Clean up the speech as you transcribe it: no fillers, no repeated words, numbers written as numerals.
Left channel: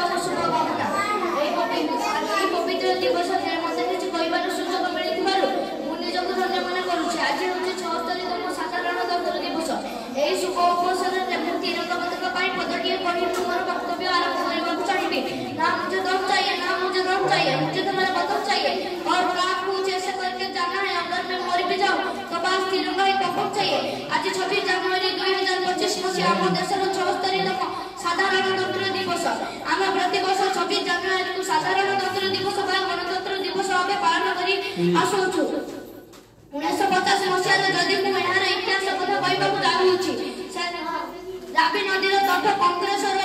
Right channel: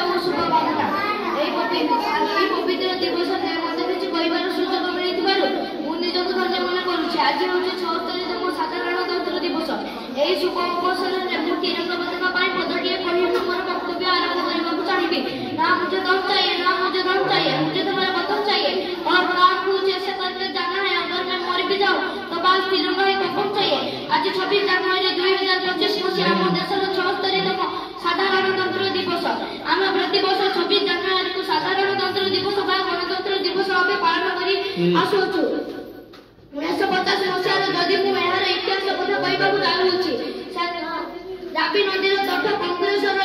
शुभेच्छा और शुभकामना पवित्र दिवस मत किसी कहबार सुযোগ मिलू मु निजक धन्य मन करुँच। आज हूँ 76तम साधारणतंत्र दिवस। यही शुभ अवसर में मुझे तिरंगा पताका पदटीए कही मोर वक्तव्य आरंभ करने को चाहिए। ना मुझे दम चाहिए, ना मुझे दम चाहिए, मुझे तुम्हारा वतन चाहिए। और काश मुझे ऐसा करके जाना है, अगर मैं मर भी जाऊँ तो बस तिरंगा ही कपड़ चाहिए। आज 26 जनवरी 2025 मसीहा आम देशर 76तम साधारणतंत्र दिवस। आम प्रतिवर्ष 26 जनवरी को साधारणतंत्र दिवस बा गणतंत्र दिवस भाव पालन कर आसुचु। 1950 मसीहार जदि मुझे इतिहास कथा कहवाक चाहूँगी, रावी नदीर तट कंग्रेसर